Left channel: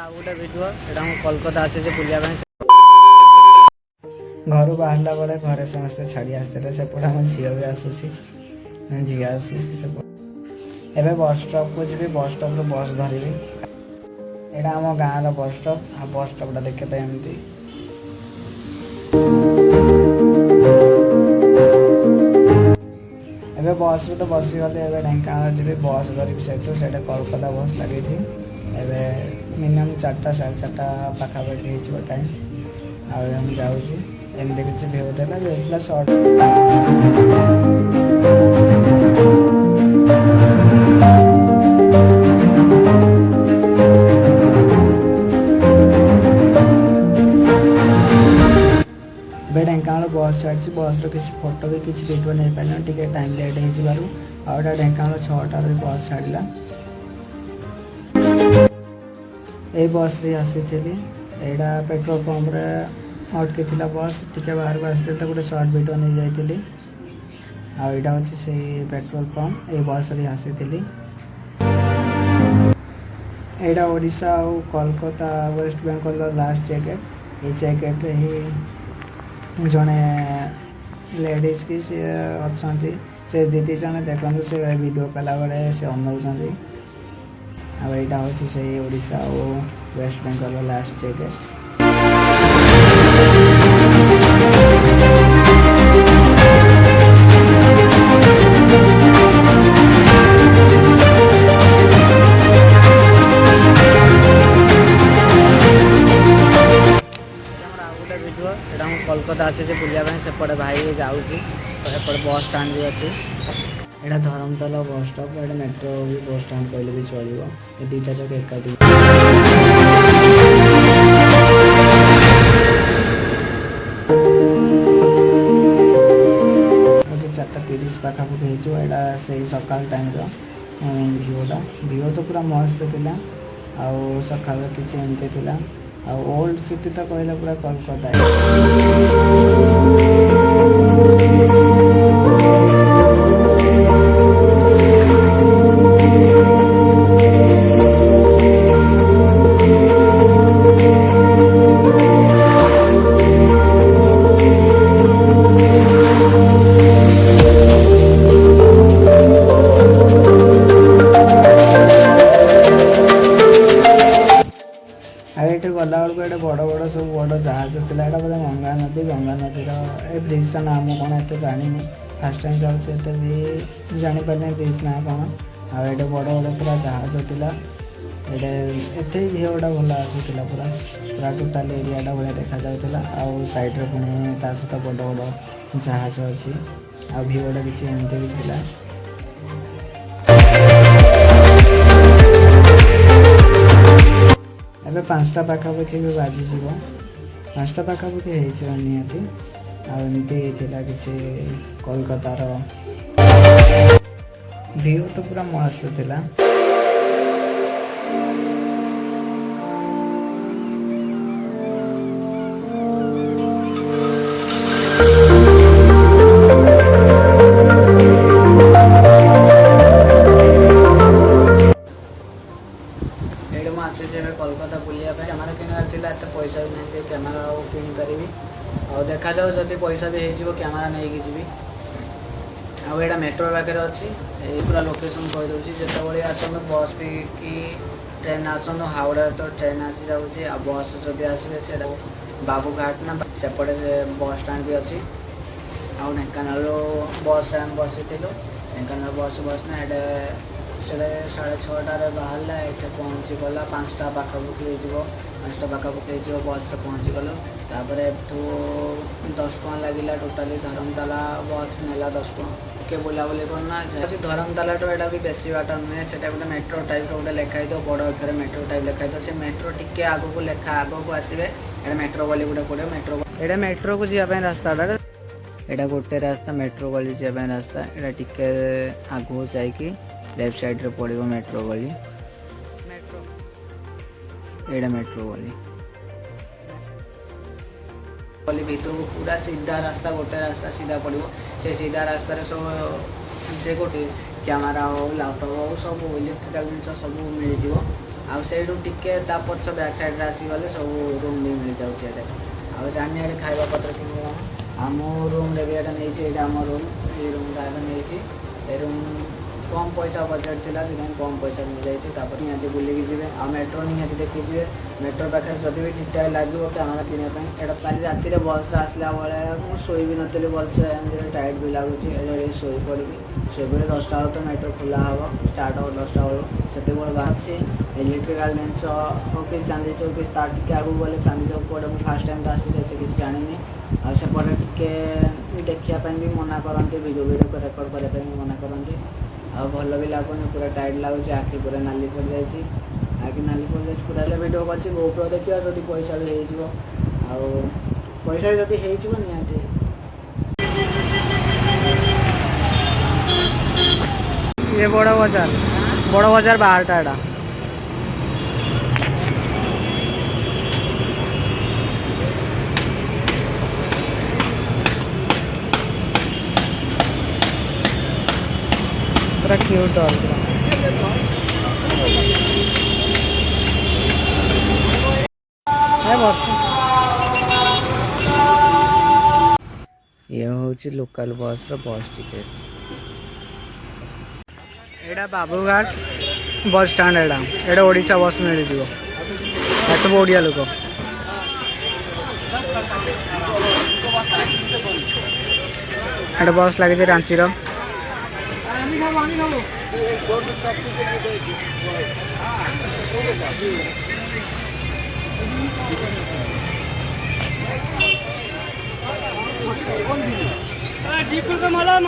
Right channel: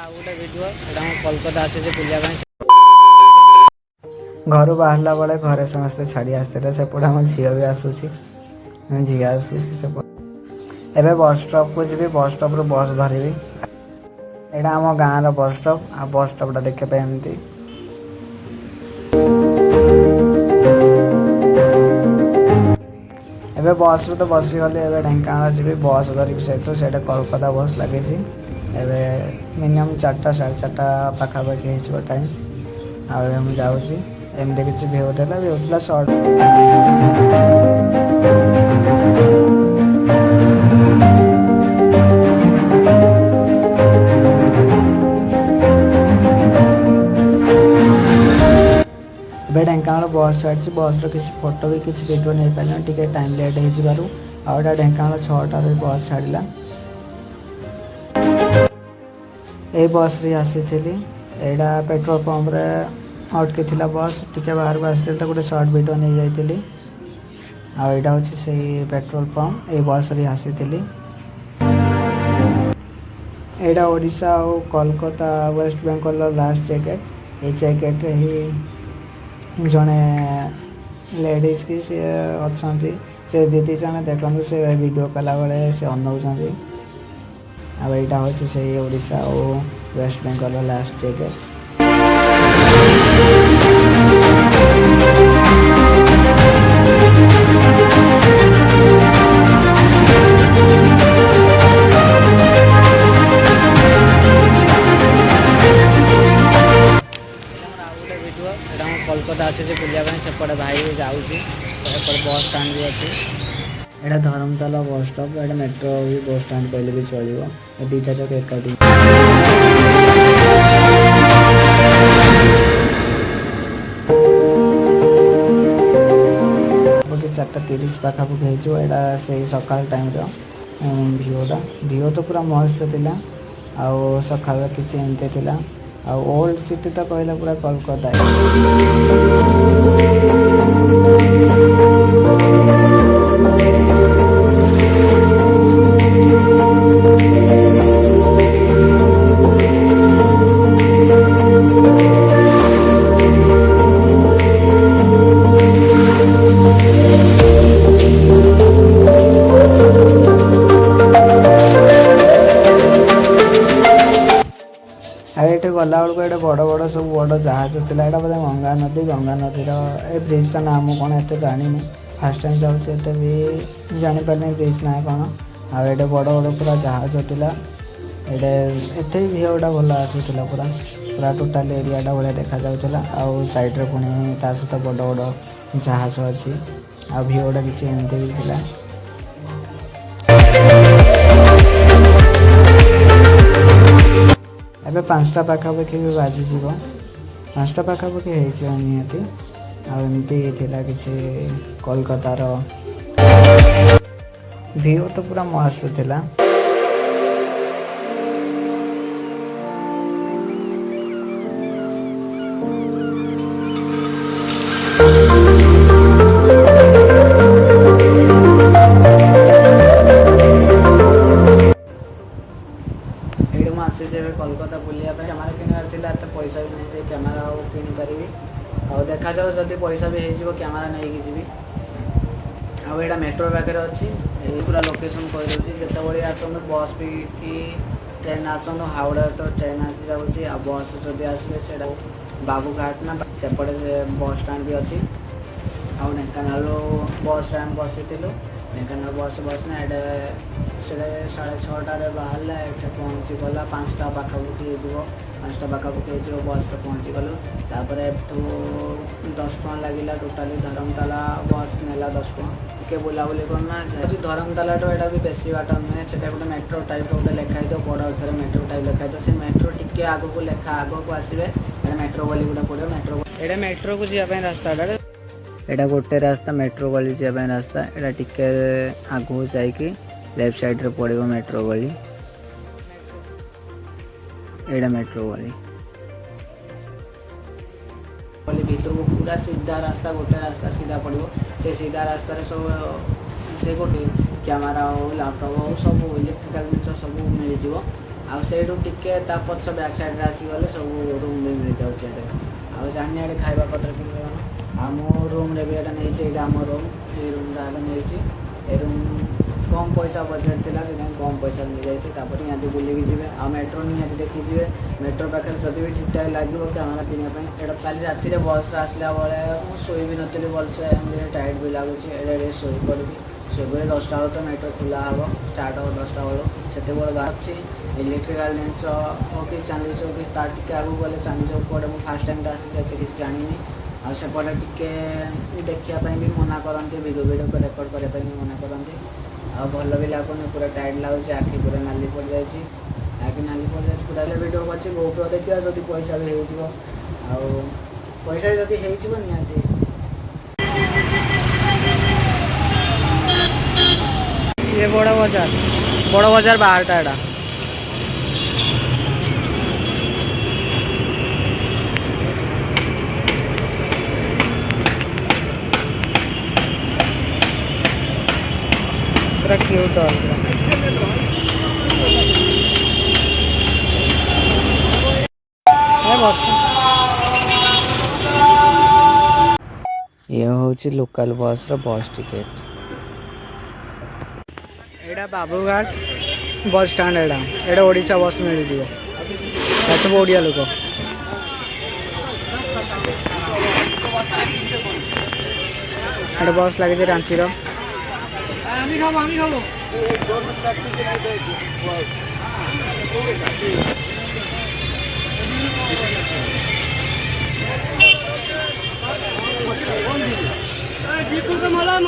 आउ गोटे भिडियो एटा हम कोलकाता आसे बुलिया घर बाहरला बेले घरे समस्ते छाड़ी आसते सेपटे आम झील भी आसूसी झी आसूसी सेपटे एवं बस स्टॉप को जी बस स्टॉप रू बस धरबी यहाँ आम गाँव बस स्टॉप आ बस स्टॉपटा देखा एमती एवं बस रू तो बस गली एवं ढेंकानाल जी बस धरिकी से कोलकाता बस लगे मिनिमम 4टा 4:30 पाखापाखि हो टाइम आम जाऊँगी एमती किसी भी होता सर्ट ଏବେ ଢେଙ୍କାନାଳ ବସ୍ ଛାଡ଼ିଛି ବସ୍ର କିଛି ଫଟୋ ବି କିଛି ଭିଡ଼ିଓ ନେଇପାରିଲାନି ଟିକେ ଟାଇମ୍ ଲେଟ୍ ହେଇଯିବାରୁ ଆଉ ଏଇଟା ଢେଙ୍କାନାଳ 6ଟାରେ ବସ୍ ଛାଡ଼ିଲା ଏଇ ବସ୍ରେ ଆସିଥିଲି ଏଇଟା ପେଟ୍ରୋଲ ପମ୍ପରେ ଅଟକିଥିଲା ବସ୍ ଟିକେ ବାହାରକୁ ଆସିଥିଲି ତ ଗୋଟେ ସର୍ଟ ଭିଡ଼ିଓ ନେଇଯାଇଥିଲି ଆଉ ଏଇଟା ହେଉଛି ସେଇ ପେଟ୍ରୋଲ ପମ୍ପ ଏଇ ବସ୍ରେ ଆସିଥିଲି ଏଇଟା ଓଡ଼ିଶା ଆଉ କୋଲକାତା ୱେଷ୍ଟ ବେଙ୍ଗଲର ଲାଷ୍ଟ ଜ୍ୟାକେଟ୍ ଏଇ ଜ୍ୟାକେଟ୍ରେ ହିଁ जड़े लेडीज की सी अच्छा से दीदी जन देखो से वीडियो कला बेले से अनौंट आईटा हूँ से ओडिशा और West Bengal last jacket video एटा हम कोलकाता आसे बुलिया सेपटे भाई जाऊँगी तो सेपटे बस स्टाण्ड भी अच्छी एटा धर्मतला बस स्टॉप एटा मेट्रो भी बस स्टाण्ड कहले भी चलो ये दुईटा जगह एकाठी बाकी 4:30 पाखापाखि होटा से सकाल टाइम भ्यूटा तो पूरा मस्त थिला आउ सका किसी एमती थिला ओल्ड सिटी तो कहला पूरा कोलकाता ये गला बेलू ये बड़ बड़ सब बड़ जहाज था यहाँ बोले गंगा नदी ब्रिजना नाम कौन एत जानी फास्ट टाइम जाऊँचे भी जापारे ब्रिज ना कौन आए बड़ बड़ पूरा जहाज था ये भ्यूटा भल आसूला पूरा पूरा टोटाल एरियाटा भाया देखा जाऊला आउ साइड्रे पुणी ता सहित बड़ बड़ जहाज अच्छी आ भ्यूटा किसी एमती भी था एबे 5टा पाखापाखि भी बाजिज 5टा पाखापाखि हो निहाती आमती किसी कोलकातार व्यू तो पूरा मस्त थिला कोलकाता बुलिया कैमेरा किणार एत पैसा भी नहीं कैमेरा किपारि आ देखा जाओ जदि पैसा भी हो कैमेरा नहीं जी आईटा मेट्रो पाखे अच्छी पूरा लोकेशन कहीदे जिते आसतु बस भी कि ट्रेन आसतु हावड़ा तो ट्रेन आसी जाऊँगी आ बस जदि आसवे से बाबूघाट ना सेपटे बस स्टाण्ड भी अच्छी आउ ढेंकानाल बस आम बसी ढेंकानाल बस बसना ये 6:30 बाहर ये पहुँची गला 5टा पाखापाखि हो 5टा पाखापाखि हो बस पहुँची गलु तापर 10 टଙ୍କା लगे टोटाली धर्मतला बस नेला 10 टଙ୍କା के बुलाबुली करना धर्मतला तो यहाँ भी बेसी बाट नुहे से गोटे मेट्रो टाइप गोटे लिखाई दो बड़ अक्षर मेट्रो टाइप लिखाई दो से मेट्रो टिके आग को लेखा आग को आसवे ये मेट्रो गली गोटे पड़े मेट्रो को जावाई रास्ता यहाँ गोटे रास्ता मेट्रो गली जावाई रास्ता यहाँ टिके आगू जाकि लेफ्ट साइड रे पड़ो मेट्रो गली एटा मेट्रो गली भीतर को पूरा सीधा रास्ता गोटे रास्ता सीधा पड़ो से सीधा रास्ता सब से गोटे कैमेरा हो लैपटॉप हो सब इलेक्ट्रिकल जिन सब मिल आउ टिके पछ बैक साइड आसीगले सब रूम भी मिल जाऊँचे आउ जानी खाଇବା पत्र कि आम रूम रे भी एटा नहीं आम रूम ये रूम नहीं ए रूम कम पैसा बजेट थी से कम पैसा मिल जाए निहाती बुलिकी जी आ मेट्रो निहाती देखी जी मेट्रो पाखे जब भी ठीक ठाक लगे कैमेरा किनापी कल राति बस आसला बेले मुझे शोई भी नी भलसे टाइट भी लगुच शोई पड़ी शोपे 10टा बेलू तो मेट्रो खोला हम स्टार्ट हम 10टा बेलू से बाहर इलेक्ट्रिकाल जिनस हो कि चांदी चौक कि तार टे आगे गले चांदी चौक पड़े मुझे फास्ट टाइम तो आसी किसी जानी आसेपटे टे देखापी भी मना करती भिडियो रेकर्ड करने भी मना करती आ भल भी लगुनि पूरा टाइट लगुच आखि पूरा नाली पड़ जाए आखि नाली पड़ जाए पूरा भिडियो कर गोप्रो देखा जब पैसा भी हो पैसा भी जब हो निहाती ये बड़ बाजार बाहर टा एटा पूरा क्यूट है ये हूँ लोकल बस बस टिकेट एटा बाबूघाट बस स्टाण्ड एटा ओडिशा बस मिल जाए सब ओडिया लोक एटा बस लगे रांची का मला